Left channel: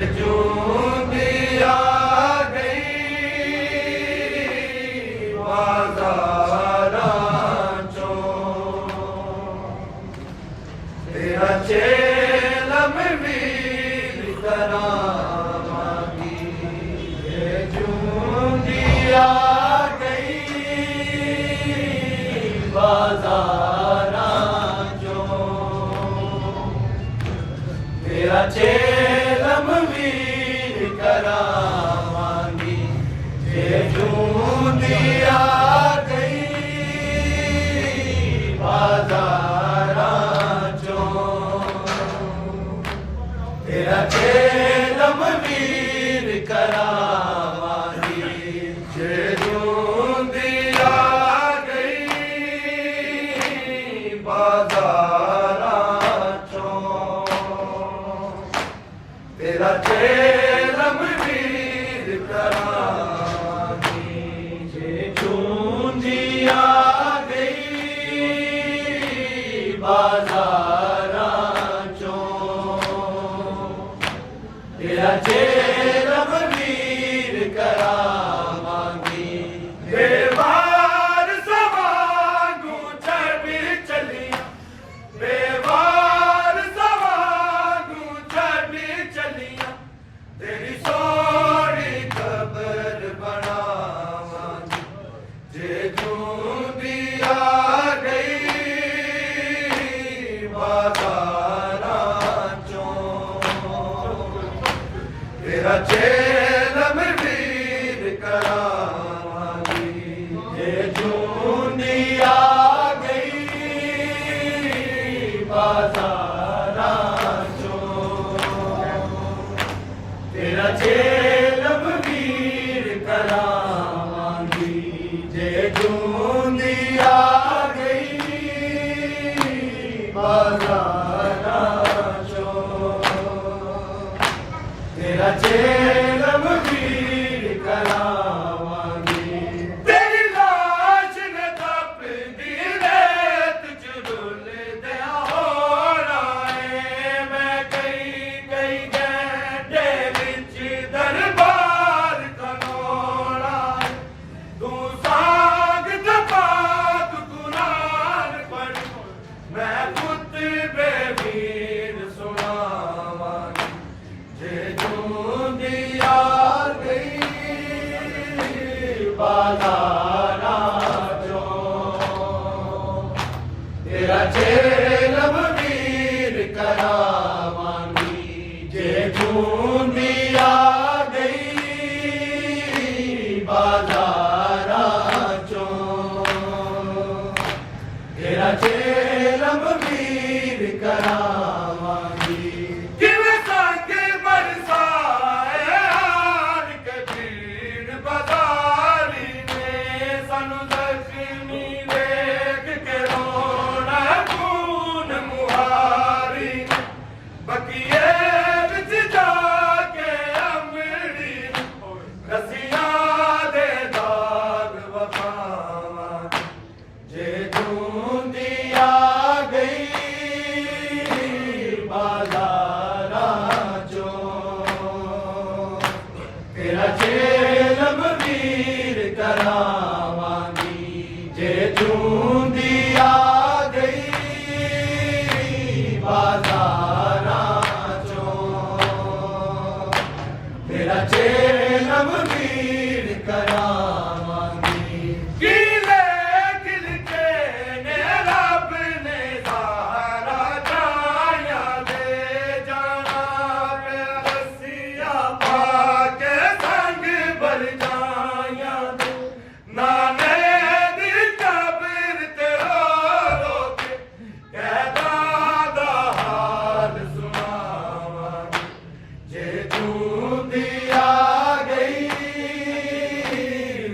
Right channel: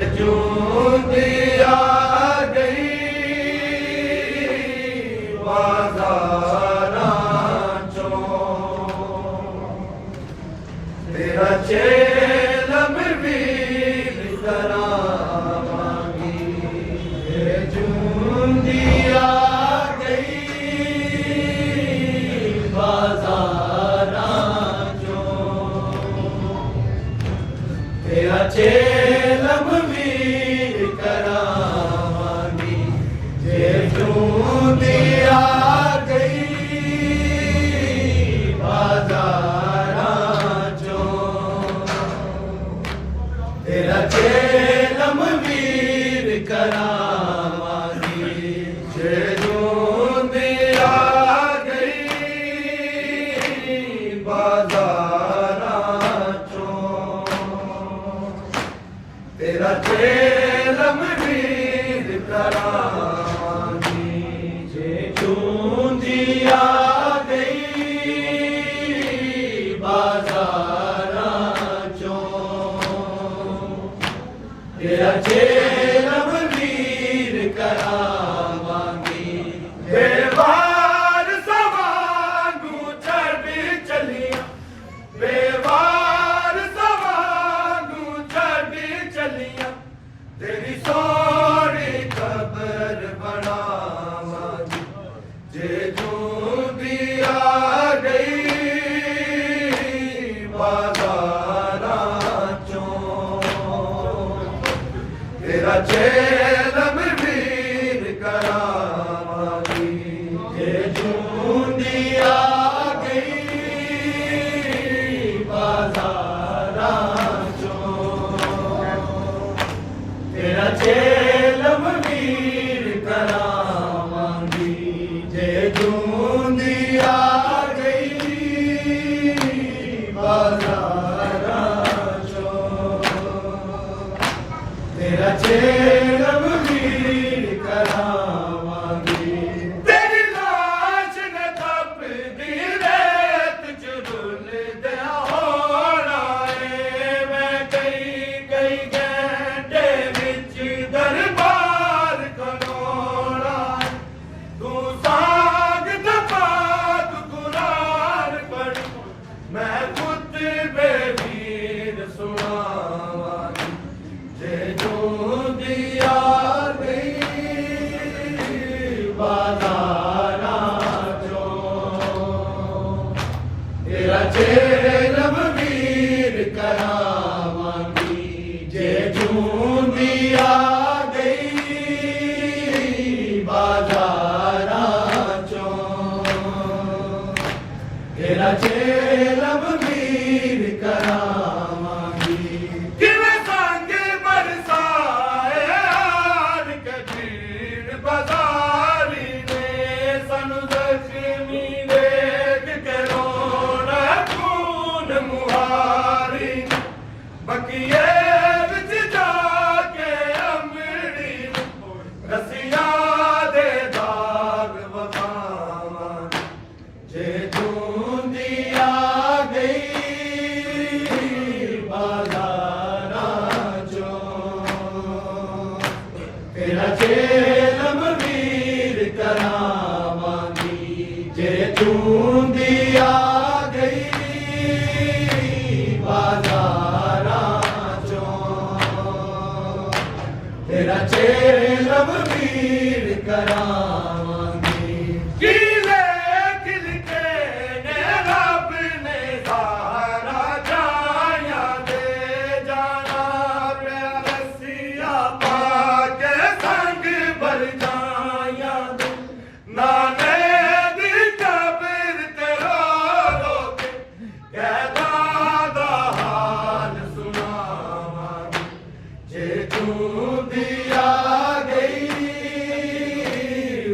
جوندی آ گئی بازاراں چوں، تیرا چیلم بھی کراواں گی، جوندی آ گئی بازاراں چوں، تیرا چیلم بھی کراواں گی، جے جوندی آ گئی بازاراں چوں، تیرا چیلم بھی کراواں گی، جے جوندی آ گئی بازاراں چوں، تیرا چیلم بھی کراواں گی، جے جوندی آ گئی بازاراں چوں، تیرا چیلم بھی کراواں گی، بیوار سوانگوں چڑھ چلیاں، بیوار سوانگوں چڑھ چلیاں، تیری سونی قبر بناواں گی، جے جوندی آ گئی بازاراں چوں، تیرا چیلم بھی کراواں گی، جے جوندی آ گئی بازاراں چوں، تیرا چیلم بھی کراواں گی، جے جوندی آ گئی بازاراں چوں، تیرا چیلم بھی کراواں گی، تیری لاش نے تپدی ریت چ رلدیاں ہونا اے، میں کئی کئی گھنٹے وچ دربار کھلونا اے، تو سانگ دفات قرآن پڑھ، میں خطبے پیر سناواں گی، جے جوندی آ گئی بازاراں چوں، تیرا چیلم بھی کراواں گی، جے جوندی آ گئی بازاراں چوں، تیرا چیلم بھی کراواں گی، کیویں سنگ برسائے آن کے بھیڑ بازاری نے، سانو زخمی دیکھ کے رونا خون مہاری نے، بقیے وچ جا کے امڑی رسیاں دے داغ وکھاواں گی، جے جوندی آ گئی بازاراں چوں، تیرا چیلم بھی کراواں گی، جے جوندی آ گئی بازاراں چوں، تیرا چیلم بھی کراواں گی، کیلے کھل کے نے رب نے سارا جایاں دے جانا، پہ رسیاں پا کے سنگ بھر جایاں دے، نانے دی قبر تے رو رو کے قیداں دا حال سناواں گی، جے جوندی آ گئی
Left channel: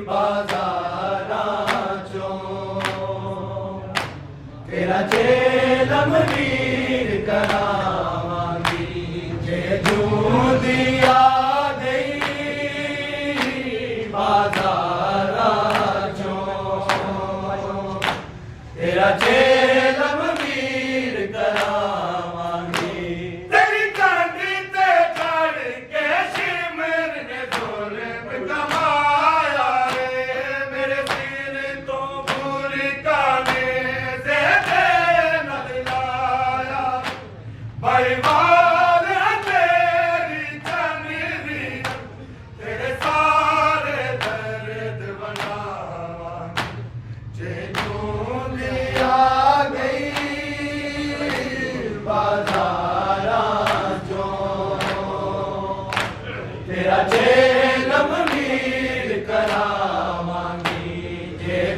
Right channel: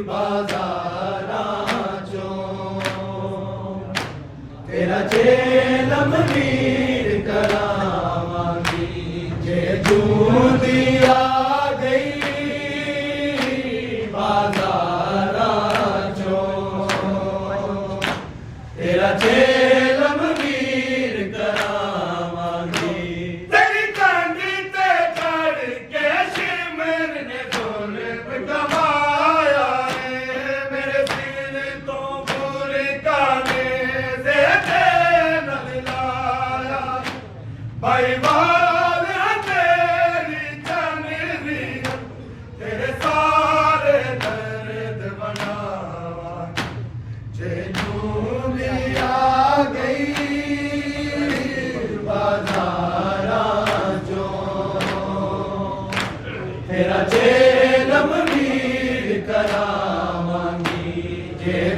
بازاراں چوں، تیرا چیلم بھی کراواں گی، جے جوندی آ گئی بازاراں چوں، تیرا چیلم بھی کراواں گی، تیری کنڈ تے چڑھ کے ਭਾਈ ਵਾਲਿਆ ਤੇਰੀ ਚੰਨੀ ਤੇਰੇ ਸਾਰੇ ਦਰਦ ਵੰਡਾਵਾਂਗੇ ਜੇ ਜੂਲੀ ਆ ਗਈ ਬਾਜ਼ਾਰਾਂ ਚੋਂ ਤੇਰਾ ਚੇਲਮ ਵੀਰ ਕਰਾਵਾਂਗੀ ਜੇ